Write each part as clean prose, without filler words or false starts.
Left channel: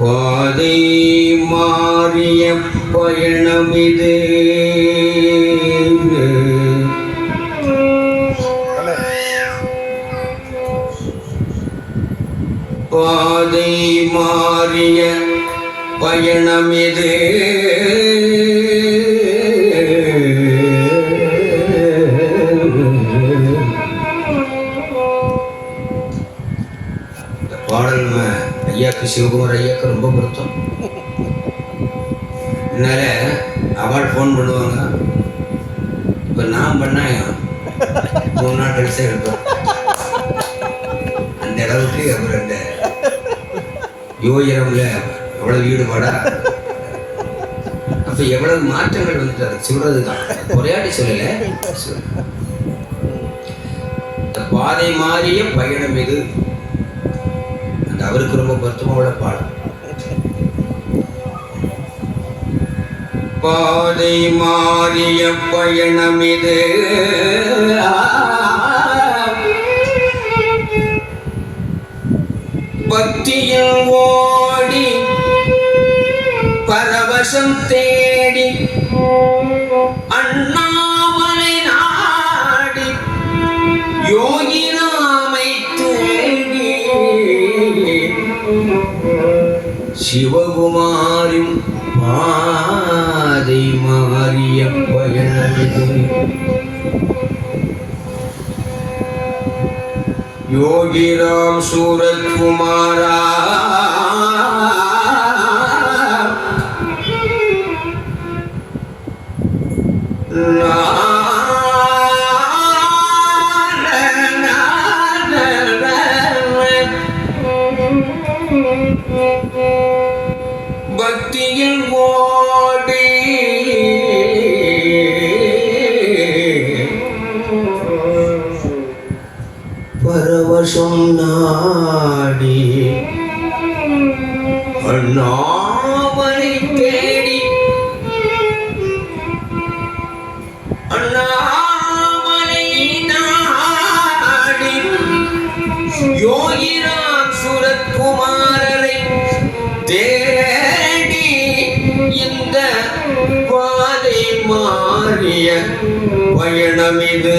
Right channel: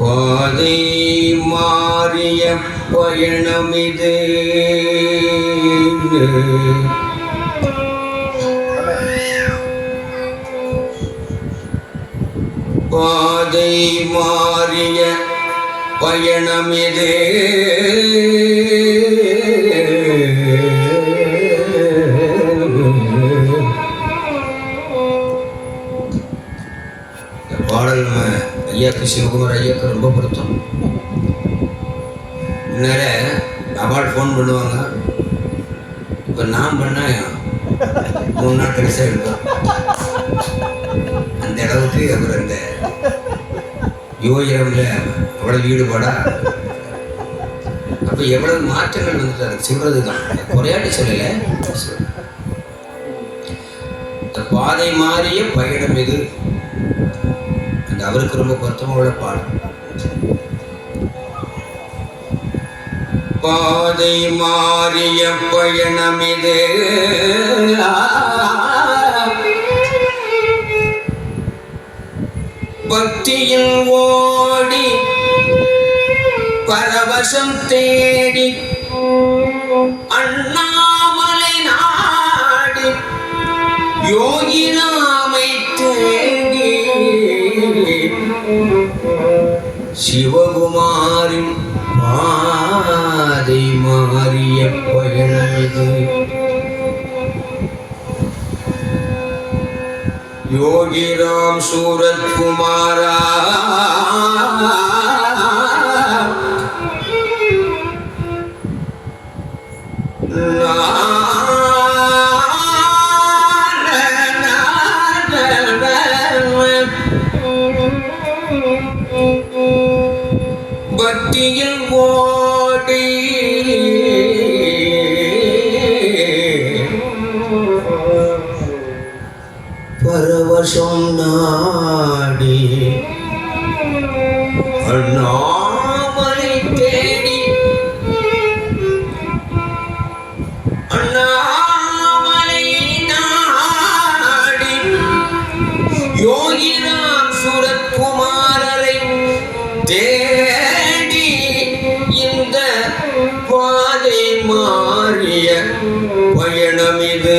பாதை மாறிய பயணமிது பாதை மாறிய பயணமிது பாடல் ஐயாக்கு சிவகுமார் ஐயாக்கு ரொம்ப பொருத்தம். நிறைய அவார்டு ஃபோன் பண்ணுவாங்க. இப்போ நான் பண்ணேன் 3 நாள் கழிச்சா இருப்பேன். அந்த அளவுக்கு அவர் அந்த யோகிரம்ல எவ்வளவு ஈடுபாடா, அப்போ எவ்வளவு மாற்றங்கள் வந்துட்டாரு. சொல்றது தான் குறையாட்டி சொல்லலை. இந்த பாதை மாறிய பயணம் இது அந்த அவருக்கு ரொம்ப பொருத்தமான பாடம். பாதை மாறிய பயணம் இது பக்தியில் ஓடி பரவசம் தேடி அண்ணாமலை நாடி யோகி நாமை தேடி சிவகுமாரின் பாதை மாறிய பயணமிது. யோகிராம் சூரத் குமாரா பக்தியில் ஓடி பரவசம் நாடி அண்ணாமலை தேடி அண்ணாமலை நாடி யோகிராம் சுரத்குமாரரை தேடி இந்த பாதை மாறிய பயணமிது.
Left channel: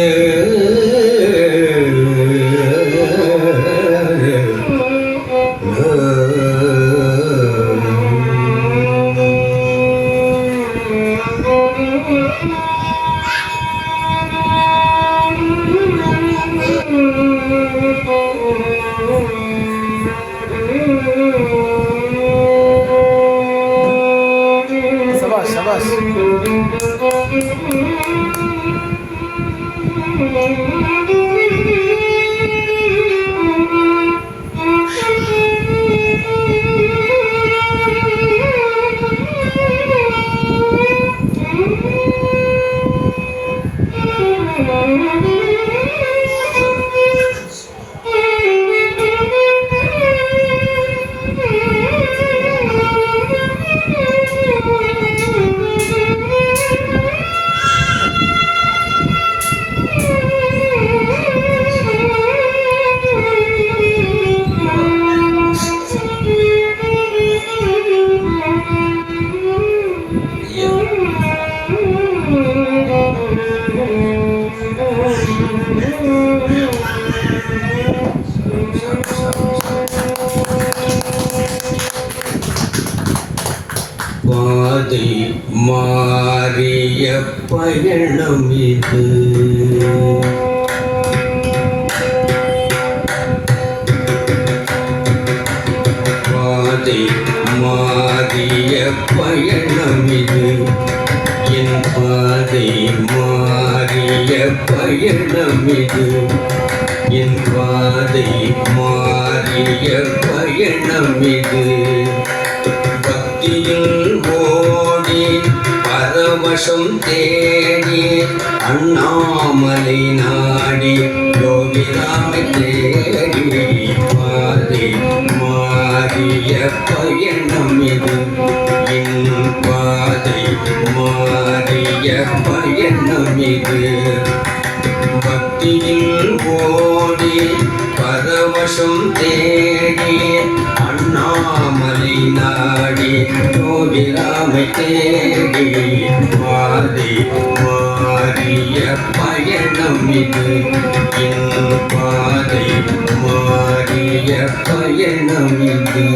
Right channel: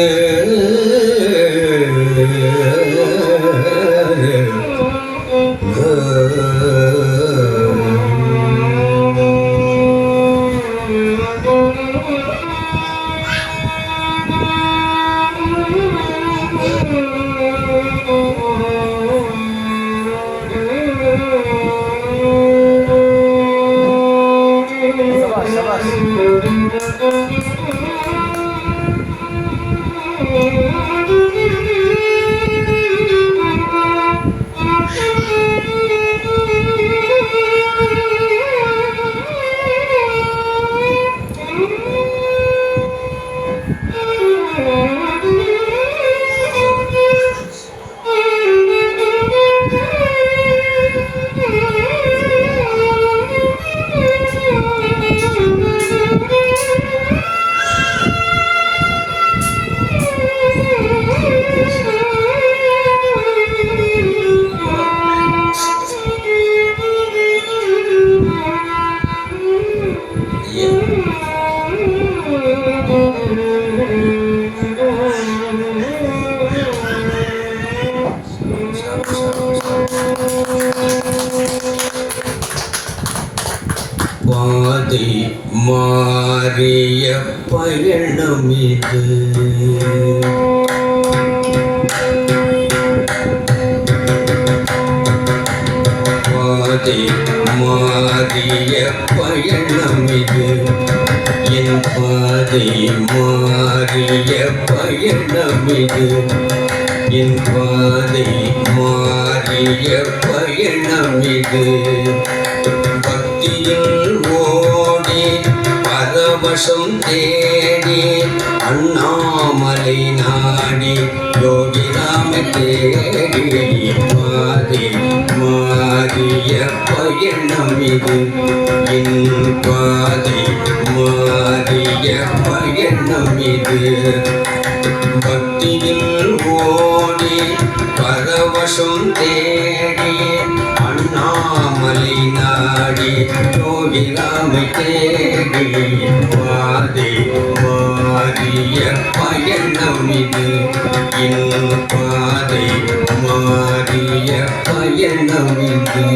பாதை மாறிய பயணம் இது பாதை மாறிய பயணம் இது என் பாதை மாறிய பயணம் இது என் பாதை மாறிய பயணம் இது பக்தியில் ஓடி பரவசம் தேடி அண்ணாமலை நாடி யோகிராமை தேடி பாதை மாறிய பயணம் இது என் பாதை பயணம் இது. பக்தியில் ஓடி பரவசம் தேடி அண்ணாமலை நாடி யோகிராமை தேடி வாதி மாறிய பயணம் இது. என் பாதை மாறிய பயணம் இது.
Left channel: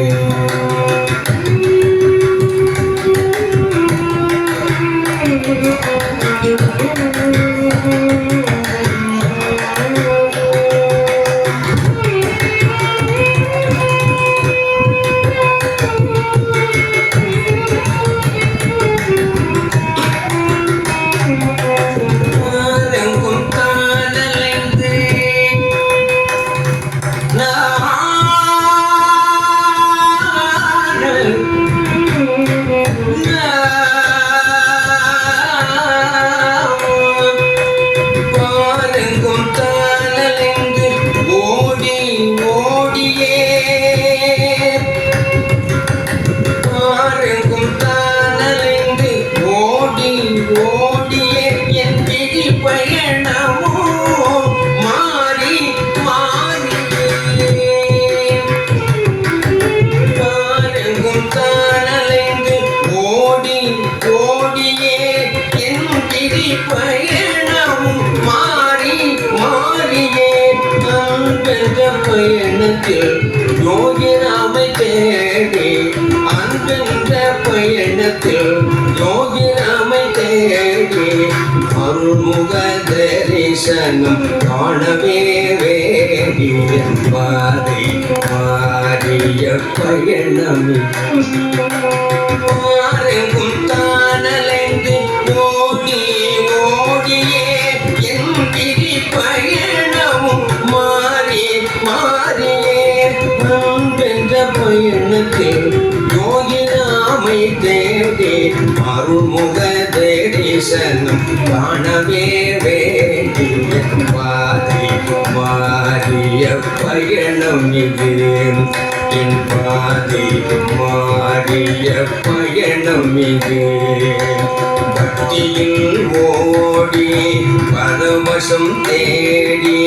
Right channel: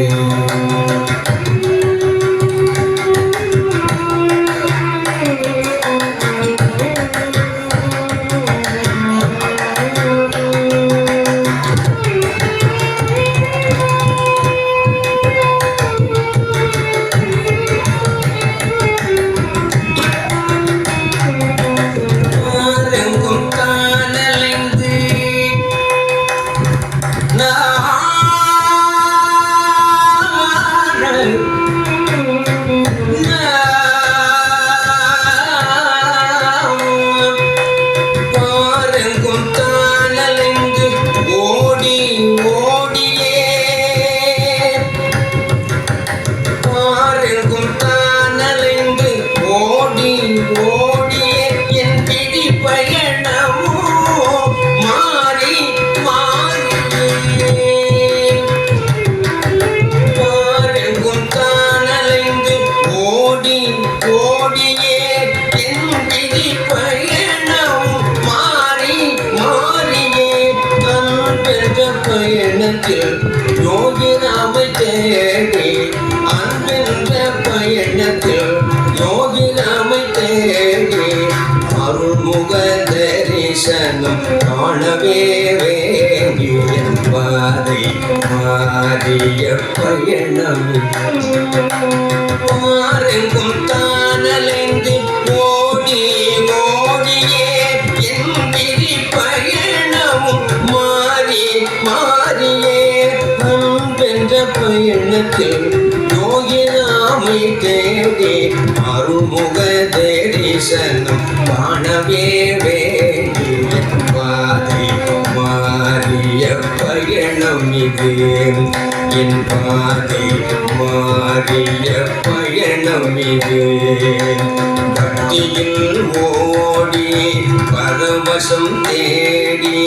யோகிராமை தேடி அன்பென்ற பயணத்தில் யோகிராமை தேடி அருள்முக தரிசனம் காணவே வேண்டிய பாதை மாறிய பயணம். மாறெங்கும் தானலைந்து ஓடி ஓடியே என் விதி பயணமும் மாறி மாறியே அன்பென்ற பயணத்தில் யோகிராமை தேடி அருள்முக தரிசனம் காணவே வேண்டிய பாதை மாறிய பயணம் இது. என் பாதை மாறிய பயணம் இது. பக்தியில் ஓடி பரவசம் தேடி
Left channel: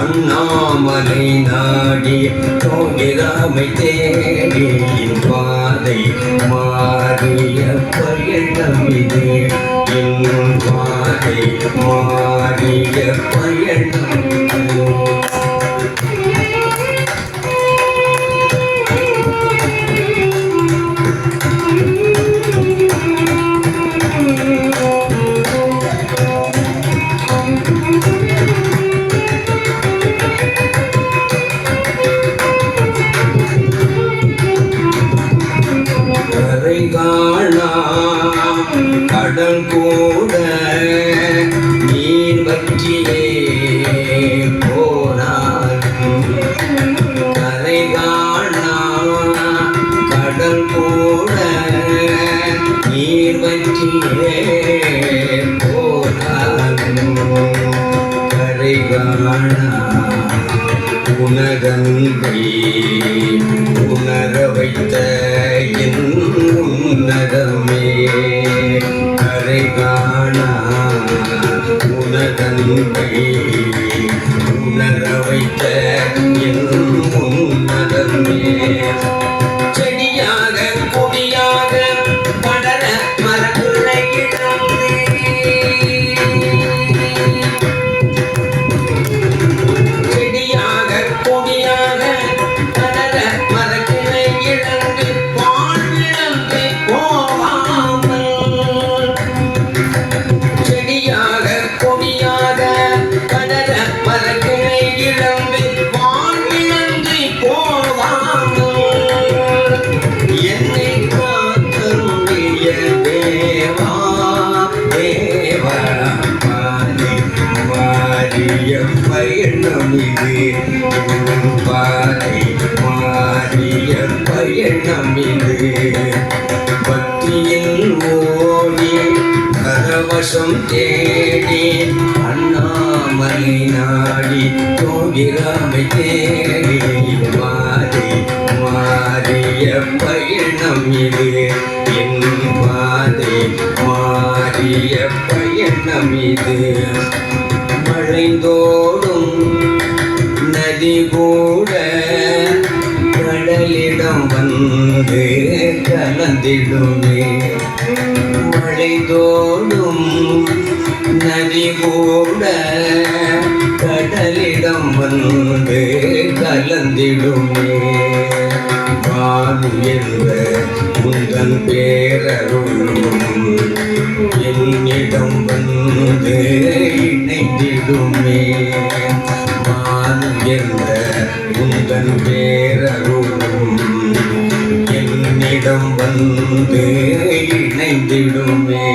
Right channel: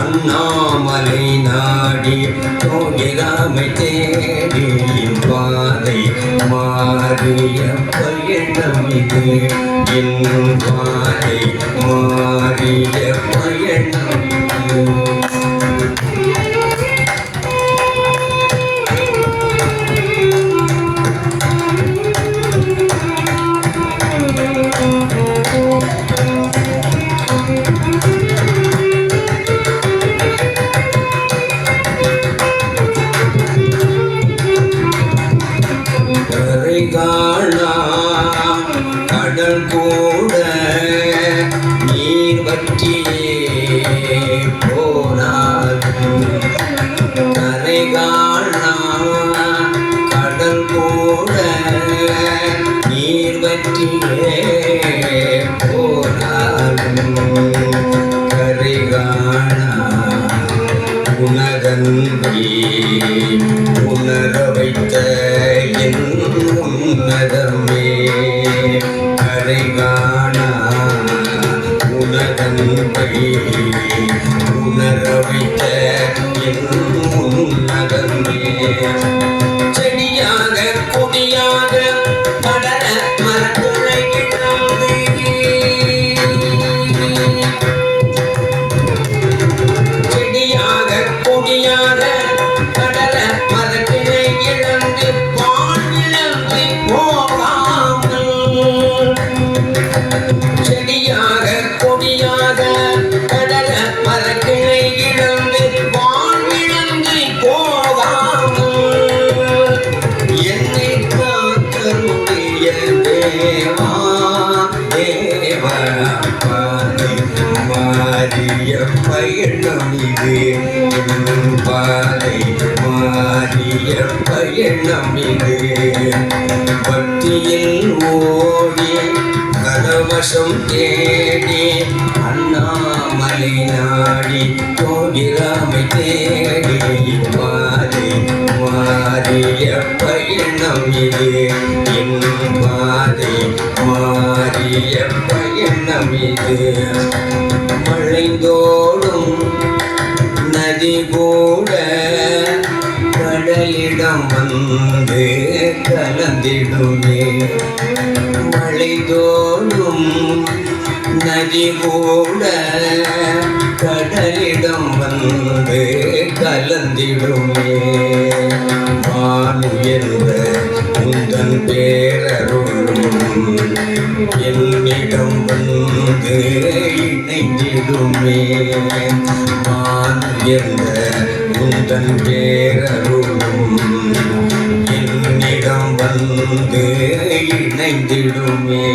அண்ணாமலை நாடி யோகிராமை தேடி பாதை மாறிய பயணம் இது. என் பாதை மாறிய பயணம் இது. கடல் கூட நீர் வற்றியே போனார். கரை காணா கடல் கூட நீர் வற்றியே போனார். கரை காணா உனதன்பை உணர வைத்த என் உன்னதமே. கரை காணா உனதன்பை உணர வைத்த என் உன்னதமே. செடியாக கொடியாக படர மரக்குள்ளை கிடந்து பயணம் இது. பாதை மாறிய பயணம் இது. பக்தியில் ஓடி கரவசம் தேடி அண்ணாமலை நாடி யோகிராமை தேடி பாதை மாறிய பயணம் இது. என் பாதை மாறிய பயணம் இது. வளைந்தோடும் நதி கூட கடலிடம் வந்து கலந்திடுமே. வளைந்தோடும் நதி கூட கடலிடம் வந்து கலந்திடுமே. வானுயர்ந்த உந்தன் பேரருளும் என்னிடம் வந்து இணைந்திடுமே. வானுயர்ந்த உந்தன் பேரருளும் என்னிடம் வந்து இணைந்திடுமே.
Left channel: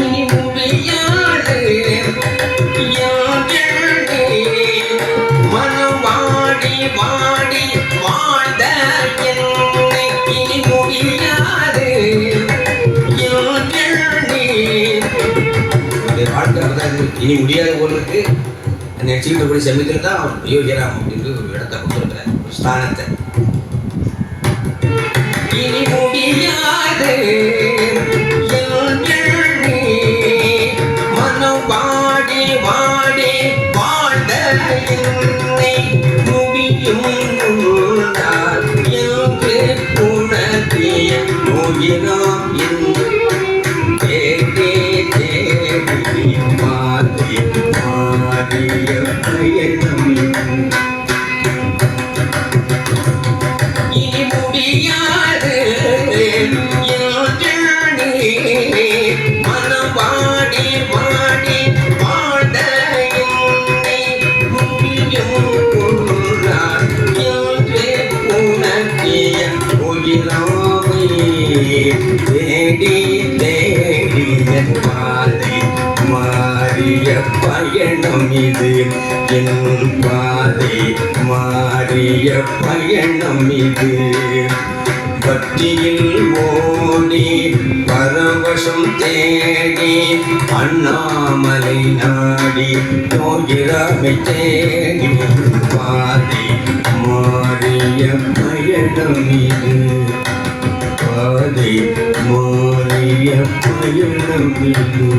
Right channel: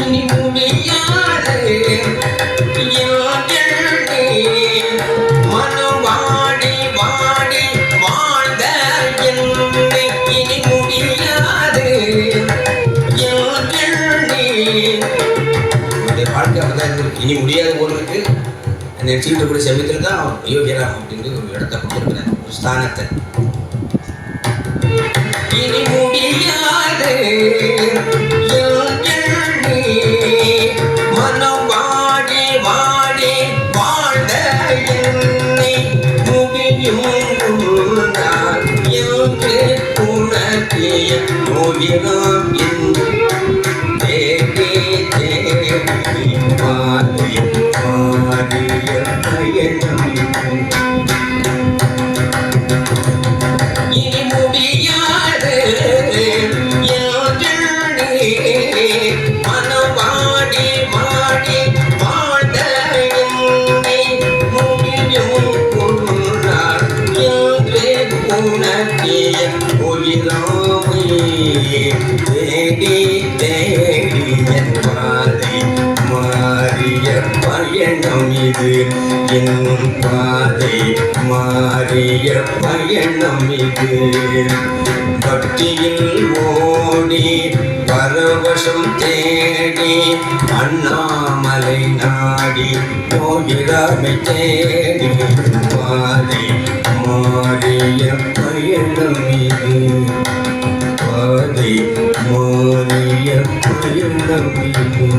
இனி முடியாது மனம் வாடி வாடி வாழ்ந்த என்னை இனி முடியாது. இனி முடியாத போல இருக்கு. என்னை எடுத்துக்கிட்ட கூட சமயத்தில் தான் யோகிராம் அப்படின்னு ஒரு இடத்த கொடுத்துருக்கிறேன், ஸ்தானத்தை. இனி முடியாது மனம் வாடி வாடி வாழ்ந்த என்னை முடியும் என்று உணர்த்திய யோகிராம் என்று தேடி தேடி மாறி மாறிய பயணம். இனி முடியாது மனம் வாடி வாடி வாழ்ந்த என்னை முடியும் என்று உணர்த்திய யோகிராமை தேடி தேடி என் பாதை மாறிய பயணம் இது. என் பாதை மாறிய பயணம் இது. பக்தியில் ஓடி பரவசம் தேடி அண்ணாமலை நாடி யோகிராமை தேடி பாதை மாறிய பயணம் இது. பாதை மாறிய பயணம் இது.